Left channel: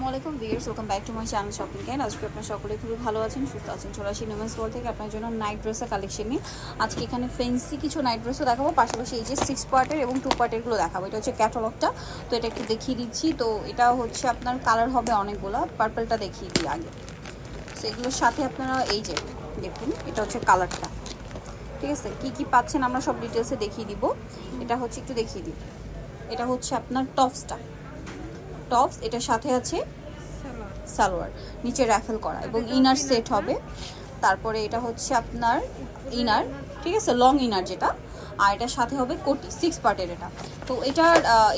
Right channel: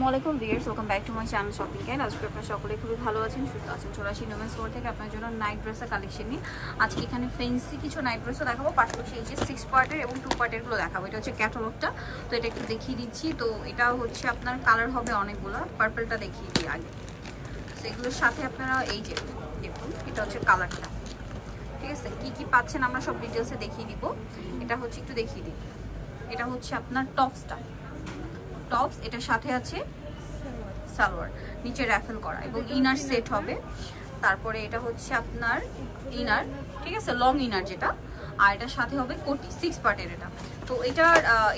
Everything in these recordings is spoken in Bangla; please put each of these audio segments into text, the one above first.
আসসালামু আলাইকুম viewers, welcome back to my channel shopping guide. আজকে আপনারা সকলে খুবই ভালো আছেন, সুস্থ আছেন। চলে আসি নিউমেন্স ওয়ার্ল্ড থেকে আপনার জন্য নাইট ড্রেসের কালেকশন নিয়ে। আজকে এখানে ফ্যান্সি কিছু নাইট ড্রেসও দেখাবো, পাশাপাশি এই যে 6 পার্টের এবং 2 পার্টেরগুলো দেখাবো। এটা হচ্ছে ক্যাটালগটা, তো এটা একটু দেখিয়ে দিচ্ছি। তো এটা হচ্ছে আপনার কালার হবে অনেকগুলো, পার্পলটা দেখিয়ে দিই আগে। তো এগুলোর সাথে আপনারা এই যে দেখুন, এটা হচ্ছে কালারটা, ঠিক আছে। কী কী পাচ্ছেন আমরা সব ডিটেলসে দেখিয়ে দিব। এটা হচ্ছে একটু দেখিয়ে দিই, এটা হচ্ছে আপনার টপসটা, টপস এটার সাথে আছে সালোয়ার, নিচে র্যাফেল করা এবং ইনার সেট হবে। তারপরে এটা হচ্ছে আপনার ইনার, ঠিক আছে, লং ইনার যেটা, আর এটার সাথে হবে কোটি 6 পার্টের এটা। তো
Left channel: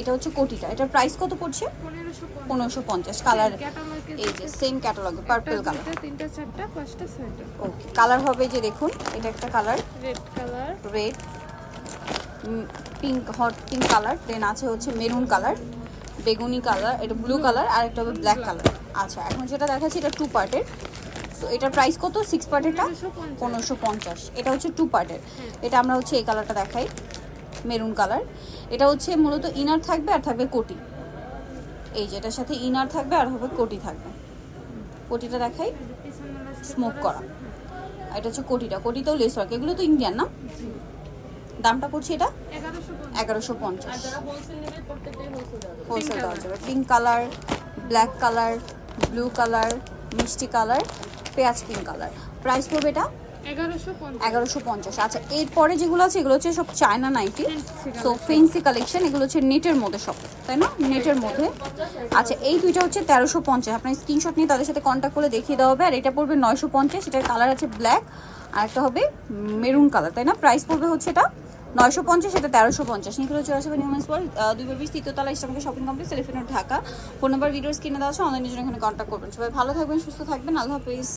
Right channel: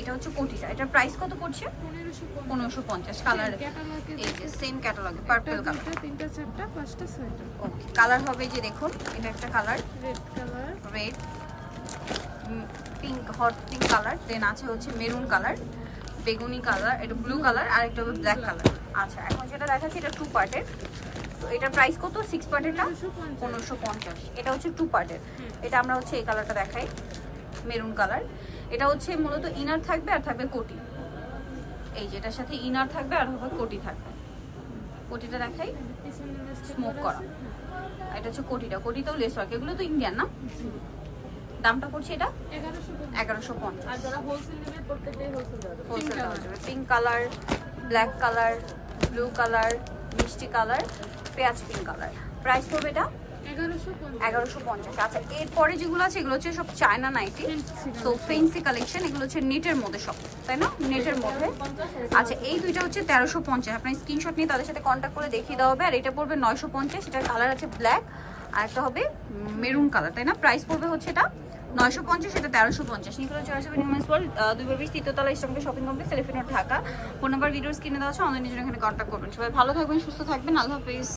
এটা হচ্ছে কোটিটা, এটার প্রাইস কত পড়ছে? 1550। কালার এই যে সেম ক্যাটালগ, পার্পল কালার, 3টা 4টা 5টা 6টা। ওকে, কালার হবে যে দেখুন, এটা একটা colour red colour, red, pink, hot pink colour, then আছে হচ্ছে মেরুন কালার, বেগুনি কালার, এটা ব্লু কালার, আর একটা হবে ব্ল্যাক কালার। আচ্ছা, এখন যেটা দেখাচ্ছি এটা 2 পার্টের। তো এটার প্রাইস কত? 6 পার্টেরটা 1550। এটা হচ্ছে 2 পার্টের। এটা আমরা হচ্ছে এই কালারটা দেখাই, মেরুন কালার। এটা হচ্ছে মূলত ইনার থাকবে আর থাকবে কোটি, এই যে এটার সাথে ইনার থাকবে আর হবে কোটি থাকবে। কোটিটা দেখাই, স্মোক করা। এটা হচ্ছে কোটিটা, কোটিতেও লেস ওয়ার্ক, এগুলো তো ইন্ডিয়ান না। দামটা পড়ছে এটা 1150। Pink colour, black colour, blue colour, মিষ্টি কালার, পেঁয়াজ পিঙ্ক কালার। প্রাইস পড়বে এটা 1150। আচ্ছা, এরপরে যেগুলো আছে এগুলো হচ্ছে সব China nighty, so fancy collection. এগুলো হচ্ছে নেটের মধ্যে সব, তাই না? নেটের মধ্যে। আচ্ছা, এই দুইটা হচ্ছে 1350। আপনার স্ক্রিনশট নিয়ে তাদের সাথে কন্ট্যাক্ট করে দেখিয়ে দেওয়া হবে। আর এটা পড়বে 950। এটার কালার আছে ব্ল্যাক, আর একটা হবে মেরুন কালার, তাই না? প্রাইস পড়বে হচ্ছে এটা 950, এটা 1350। নিকুলো চলে আসবে নিউমেন্স ওয়ার্ল্ড, 220 তৃতীয়তলা Islampur shopping complex, elephant road, Dhaka. Phone number ভিডিওর স্ক্রিনে দেওয়া আছে, অনলাইনের জন্য এখানে কন্ট্যাক্ট করবেন। সবাই ভালো থাকবেন, সুস্থ থাকবেন, আল্লাহ হাফেজ।